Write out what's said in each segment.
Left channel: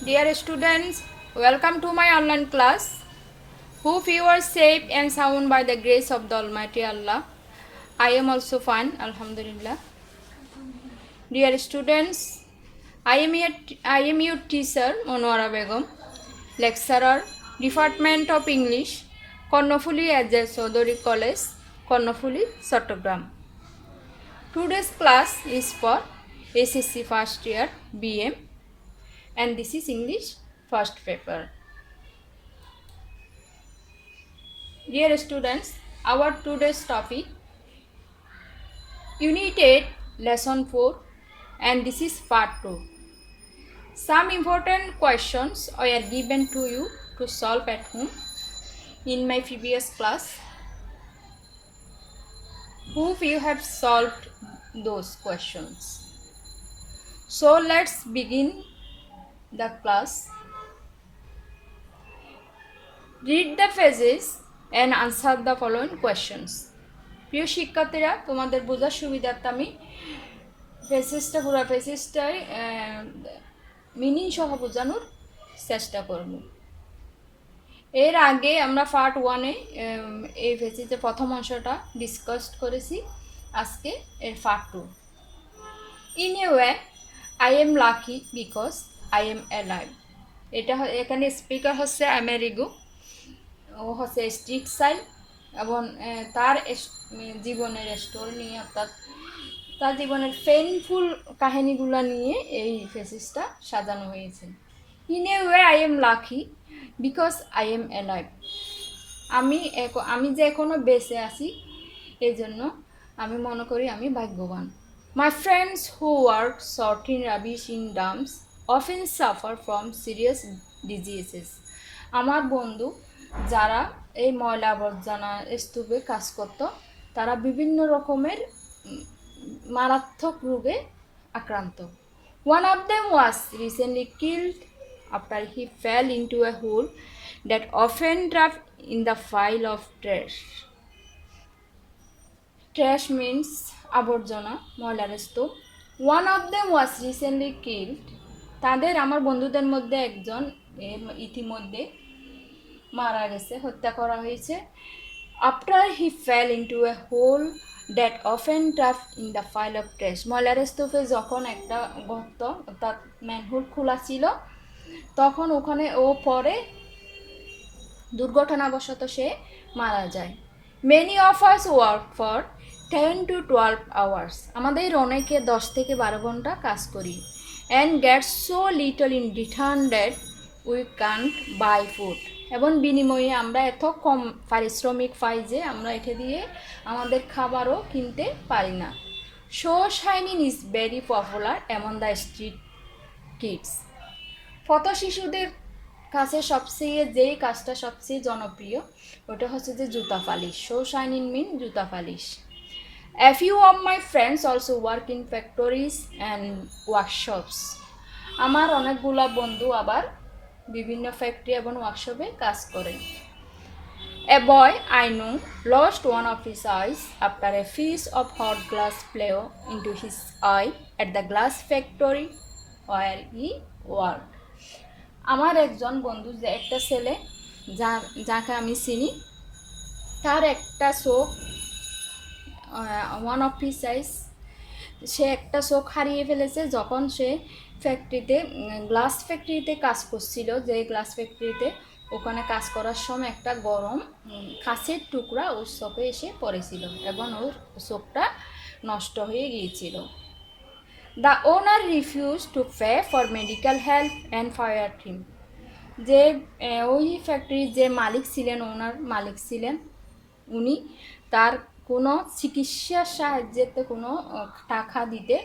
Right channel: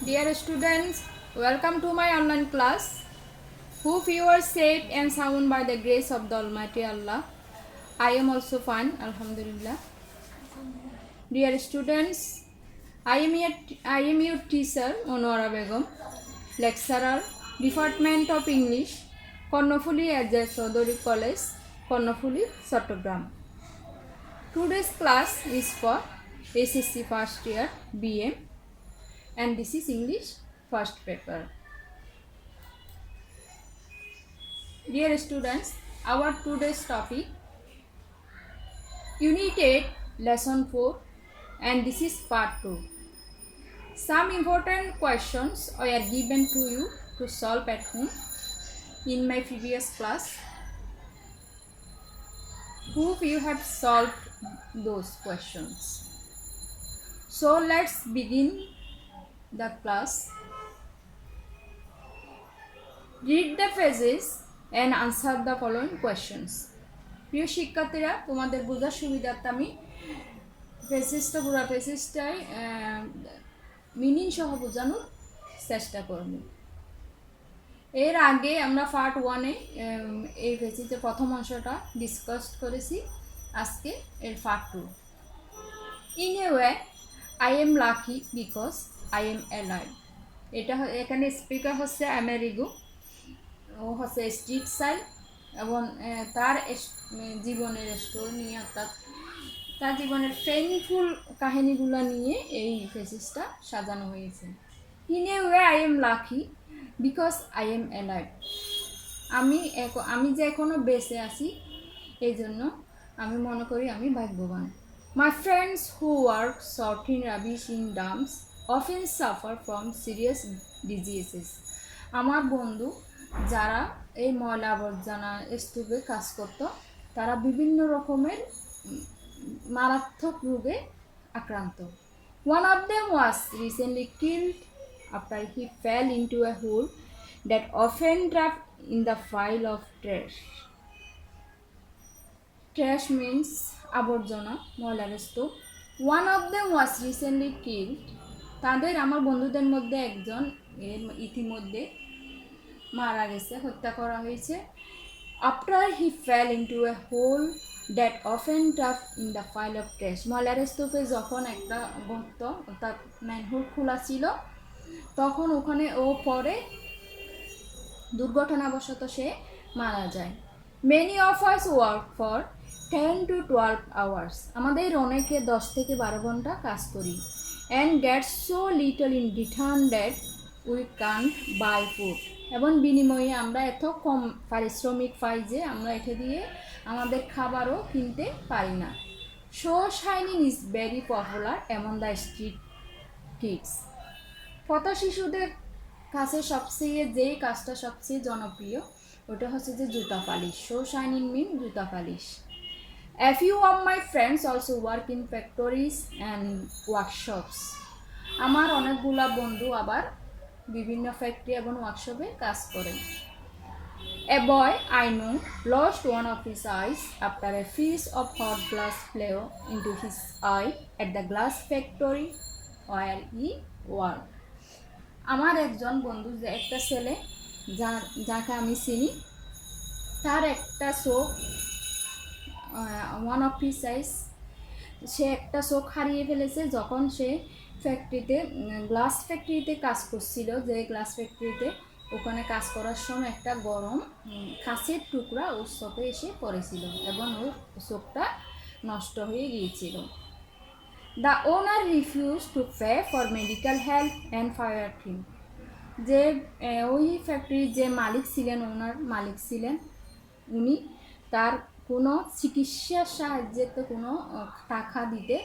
Dear students, welcome to my online class. Hope you are safe and sound by the grace of the Almighty Allah. I am also fine, Alhamdulillah. Dear students, I am your teacher, Monora Begum, lecturer, Department of English, Kornofuli Ajay Chaudhary College, Kornofuli, Chattogram. Today's class is for SSC first year BM and this is English first paper. Dear students, our today's topic Unit 8 Lesson 4 and this is part 2. Some important questions were given to you to solve at home in my previous class. Hope you have solved those questions. So let's begin the class. Read the phrases and answer the following questions. প্রিয় শিক্ষার্থীরা, তোমাদের বোঝার সুবিধার্থে আমি পুরো ফেসেসটাই meaning সহ বোঝানোর চেষ্টা করব। এর আগে আমরা পার্ট 1-এ এই ফেসেসের প্রথম অংশটা ডিসকাস করেছি। আজকে এর part 2। In a way I am lucky because I am alive. এটা এখানে স্পিকার হচ্ছে আমেরিগো, ও হচ্ছে স্ট্রিট সাইল এবং তার জীবনের স্টোরি নিয়ে অর্থাৎ তার জীবনের পেইনফুল কাহিনীগুলো নিয়ে এই ফেসিসটা সাজানো হয়েছে। In a way I am lucky because I am alive. আমি যে এখনও বেঁচে আছি এই জন্য আমি মনে করি আমি ভাগ্যবান। My friends who work sorting rubbish in dumps often suffer from serious diseases. আমার বন্ধু যারা এই ময়লা আবর্জনা স্তূপে কাজ করত তারা বিভিন্ন রকমের মারাত্মক রোগে আক্রান্ত। One of them was recently killed after he fell into a hole that often draft in the file of trash. Trash means আবর্জনা, ময়লার স্তূপ। One of them was recently killed, তাদের আমার বন্ধুদের মধ্যে একজন ইতিমধ্যে মারা গেছে, হত্যা করা হয়েছে। After he fell into a hole that often trough in the file of trash. ময়লার স্তূপে যখন একটা গর্ত অর্থাৎ ম্যানহোল খোলা ছিল তখন ওখানে ও পরে দুর্ঘটনাবশত সে মারা যায়। Many of us work for 10 to 12 hours। আমাদের অনেকে 10 থেকে 12 ঘন্টা কাজ করি। And get so little in return that we can't buy food. এবং বিনিময়ে আমরা এত কম পারিশ্রমিক পাই যে আমরা এটা দিয়ে আমাদের খাবারও কিনতে পারি না। Shoe shining is very popular among the street kids. পথ শিশুদের কাছে যেই কাজটা সবচেয়ে জনপ্রিয় ওটা হচ্ছে যে জুতা পালিশ। শো শাইনিং মিন জুতা polish. A few of my friends also work in factories and workshops। আমার অনেকগুলা বন্ধু আবার বিভিন্ন ফ্যাক্টরি এবং ওয়ার্কশপে কাজ করে। A boy I know lost one of his eyes after a piece of hot glass flew into his eye at the glass factory where he worked। আমার একজন বন্ধু, যে একটা ছেলে যাকে আমি চিনি, তার একটা চোখ ওয়ান অফ হিস আইস, সে একটা চোখ হারিয়ে ফেলেছে যখন সে গ্লাস ফ্যাক্টরিতে কাজ করছিল। যে গ্লাস ফ্যাক্টরিতে ওখানে কাজ করার সময় একটা গরম কাঁচের টুকরা ওর চোখে এসে পড়েছিল এবং ওর চোখটা নষ্ট হয়ে গিয়েছিল। The owner refuse to pay for medical help and fire him. যে ওই ফ্যাক্টরির যে মালিক ছিলেন, ওনার মালিক ছিলেন, উনি তার কোনো চিকিৎসার সাহায্যে কোনো টাকা দিতে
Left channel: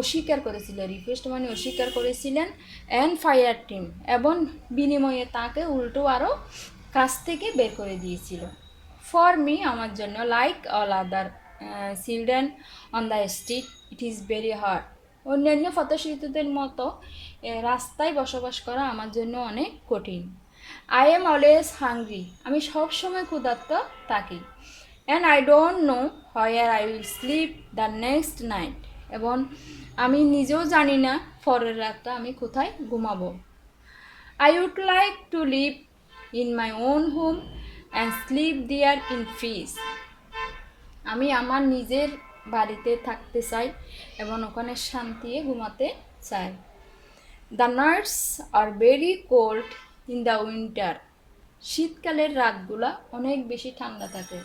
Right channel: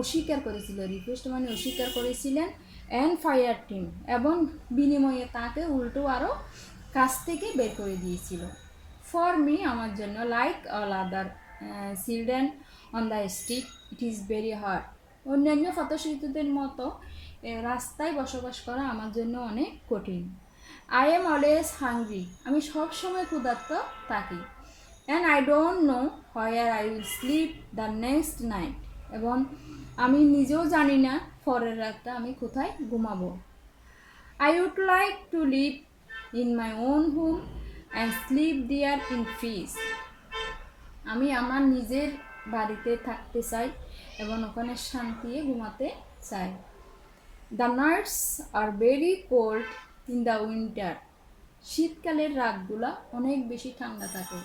অস্বীকার করেছিল। রিকোয়েস্ট মানে অস্বীকার করেছিলেন। অ্যান্ড ফায়ার টিম, এবং বিনিময়ে তাকে উল্টো আরও কাজ থেকে বের করে দিয়েছিল। ফর মি, আমার জন্য, like all other children on the street, it is very hard. অন্যান্য পথশিশুদের মতো রাস্তায় বসবাস করা আমার জন্য অনেক কঠিন। আই এম অলওয়েজ হাংরি, আমি সবসময় ক্ষুধার্ত থাকি। And I don't know where I will slip the next night, এবং আমি নিজেও জানি না পরের রাতটা আমি কোথায় ঘুমাবো। I would like to live in my own home and sleep there in peace. আমি আমার নিজের বাড়িতে থাকতে চাই এবং ওখানে শান্তিতে ঘুমাতে চাই। The nights are very cold in the winter. শীতকালের রাতগুলা অনেক বেশি ঠান্ডা থাকে।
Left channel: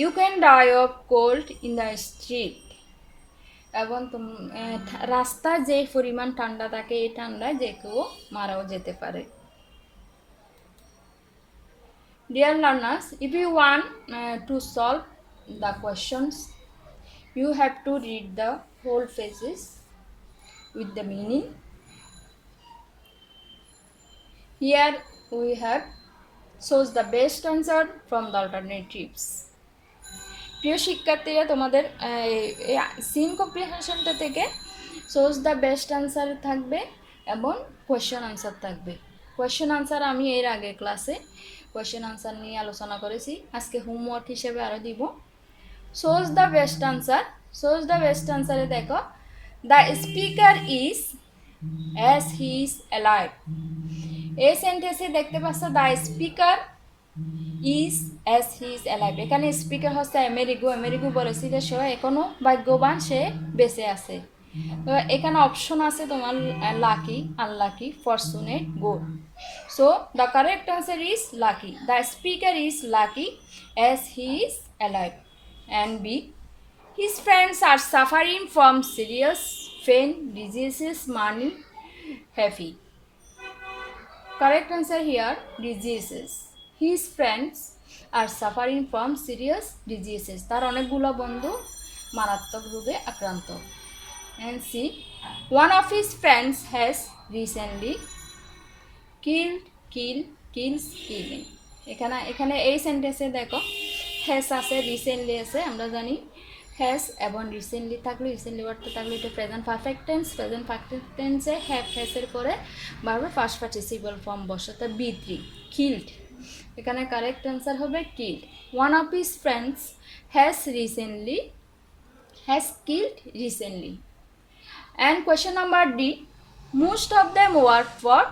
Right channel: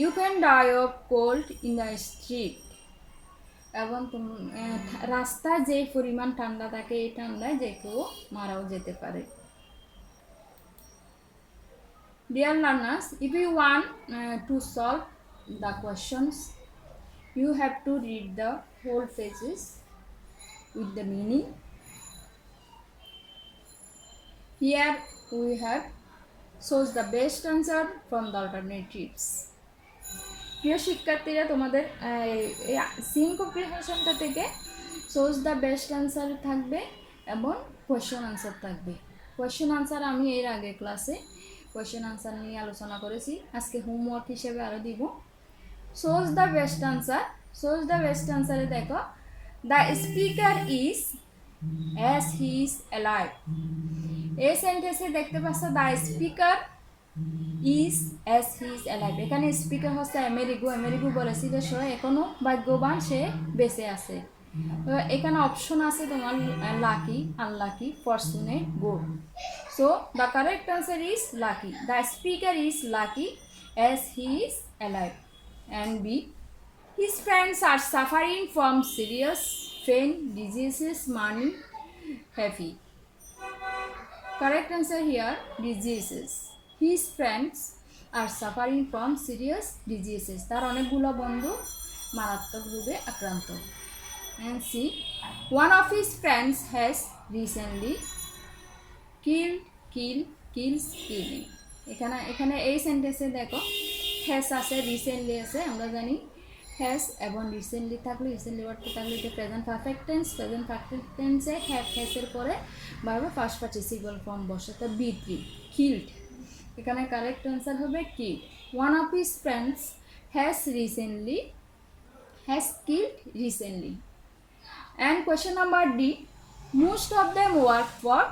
You can die of cold in the street. এবং রাস্তায় যে পরিমাণ ঠান্ডা থাকে এই ঠান্ডায় যে কেউ মারাও যেতে পারে। Dear learners, if you want to solve the questions, you have to read the whole phases with the meaning. Here we have shows the best answer from the alternatives. প্রিয় শিক্ষার্থীরা, তোমাদের সিন কম্প্রিহেনশনটা থেকে সোর্স দ্য বেস্ট আনসার থাকবে এবং question answer থাকবে। Question answer আমি এর আগে ক্লাসে কোয়েশ্চেন আনসার নিয়ে আলোচনা করেছি, আজকে হোমওয়ার্ক হিসেবে আরও দিব। Source the best answer, source the best আনসারে দেখো, the speaker is as he is alive. এই সেন্টেন্সে দেখতে পাচ্ছ the speaker is as he is alive. এখানে স্পিকার হচ্ছে আমেরিগো। আমেরিগো বলেছি যে সে এখনো ভাগ্যবান, সে বেঁচে আছে। তো এখানে অপশন আছে তোমার lucky, unlucky, fortunate, good. So the correct answer is lucky. The speaker is lucky as he is alive. And B, his friends are suffering from serious pain, diseases, money, heavy. Correct answer here, diseases. His friends are suffering from serious diseases. তার অনেকগুলো বন্ধু মারাত্মক রোগে আক্রান্ত। And see, one of his friends has recently kills killing. এখানে এই সেন্টেন্সে দেখো হ্যাস আছে, রিসেন্টলি আছে। আমরা জানি হ্যাস এবং রিসেন্টলি থাকলে, রিসেন্টলি ওয়ার্ডটা থাকলে এটা present perfect tense. Present perfect টেন্সে হ্যাভ হ্যাসের পরে বারবার ফার্স্ট পার্টিসিপল ফর্ম বসাতে বি3, কিল্ড। এখানে কারেক্ট অ্যান্সার হবে killed. One of his friends has killed recently. And question number D, most of them work for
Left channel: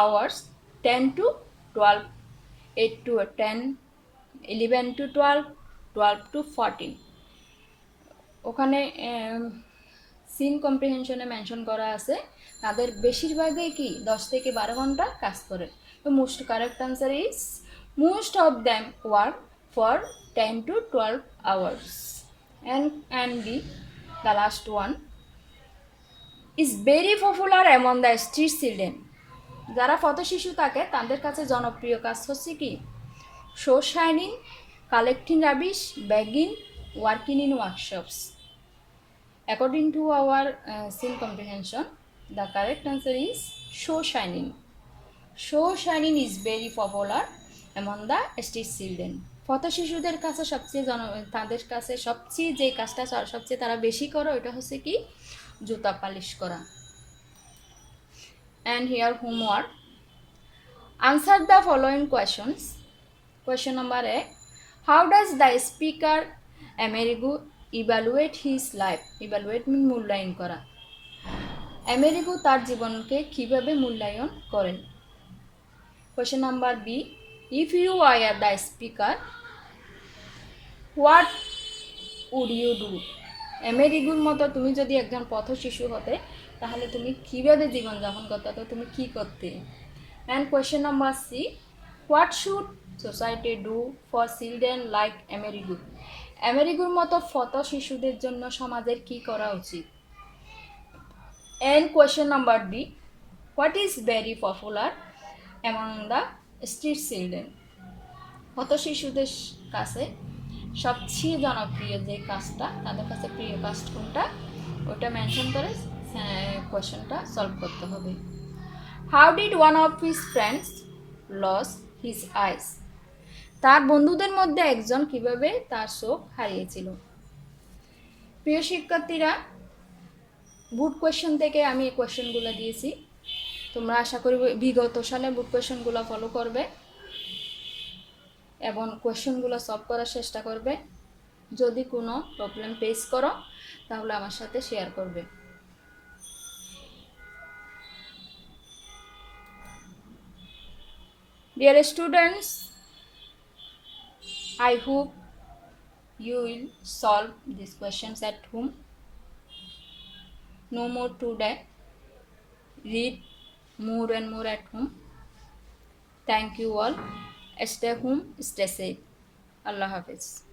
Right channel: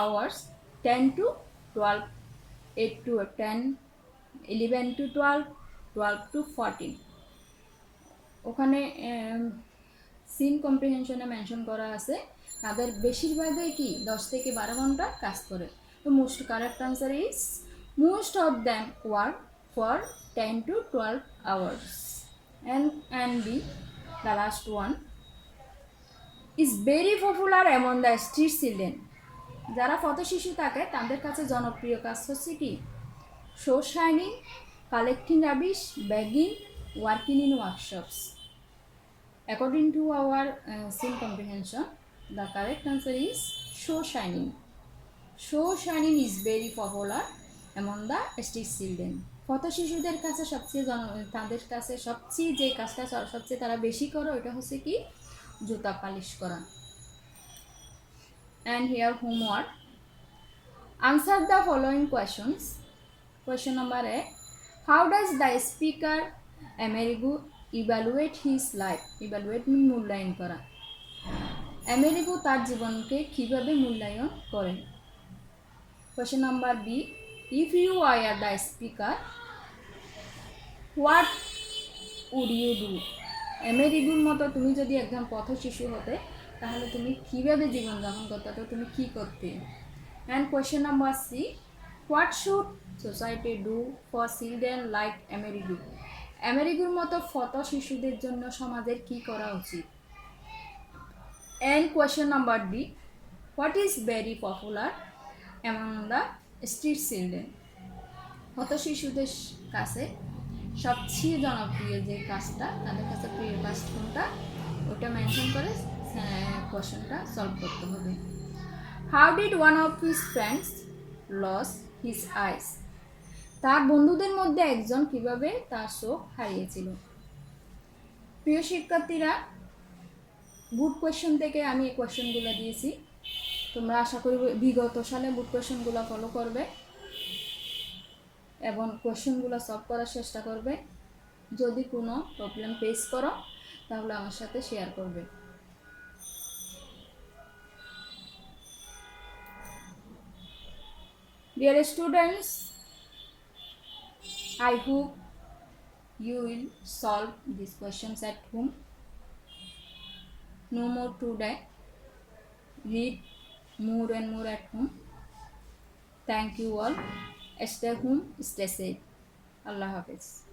hours 10 to 12, 8 to 10, 11 to 12, 12 to 14. ওখানে scene কম্প্রিহেনশনে mention করা আছে তাদের বেশিরভাগই কি 10 থেকে 12 ঘন্টা কাজ করে। তো most correct answer is most of them work for 10 to 12 hours. And B, the last one, is very popular among the street children. যারা পথ শিশু থাকে তাদের কাছে জনপ্রিয় কাজ হচ্ছে কি show shining, collecting rubbish, bagging, working in workshops. According to our scene comprehension, the correct answer is show shining. Show shining is very popular among the street children. পথ শিশুদের কাছে তাদের কাছে সবচেয়ে যে কাজটা সবচেয়ে তারা বেশি করে ওটা হচ্ছে কি জুতা পালিশ করা। And here homework, answer the following questions. Question number A, how does the speaker Amerigo evaluate his life? Evaluate means মূল্যায়ন করা। আমেরিগো তার জীবনকে কিভাবে মূল্যায়ন করেন। Question number B, if you were the speaker, what would you do? আমেরিগোর মতো তুমি যদি একজন পথ শিশু হতে তাহলে তুমি কিভাবে জীবনযাপন করতে, তুমি কি করতে। And question number C, what should society do for children like Amerigo? আমেরিগোর মতো পথ শিশুদের জন্য সমাজের কি করা উচিত। And question number D, what is very popular among the street children? পথ শিশুদের কাছে সবচেয়ে জনপ্রিয় যে কাজটা, তাদের কাছে প্রিয় কাজ কোনটা, ওটা মেনশন করে কোয়েশ্চেনটা সলভ করতে হবে। How did one of his friends lose his eyes? তার বন্ধুদের মধ্যে একজন কিভাবে তার চোখ হারিয়েছিল। প্রিয় শিক্ষার্থীরা, বুট কোয়েশ্চন থেকে আমি এই কোয়েশ্চনগুলো দিয়েছি, তোমরা আশা করি বিগত সালে বুট কোয়েশ্চনগুলো ফলো করবে এবং কোয়েশ্চনগুলো সলভ করার চেষ্টা করবে। যদি কোনো প্রবলেম ফেস করো তাহলে আমার সাথে শেয়ার করবে। Dear students, I hope you will solve these questions at home. No more today. Read more and more at home. Thank you all. Stay home, stay safe. Allah Hafiz.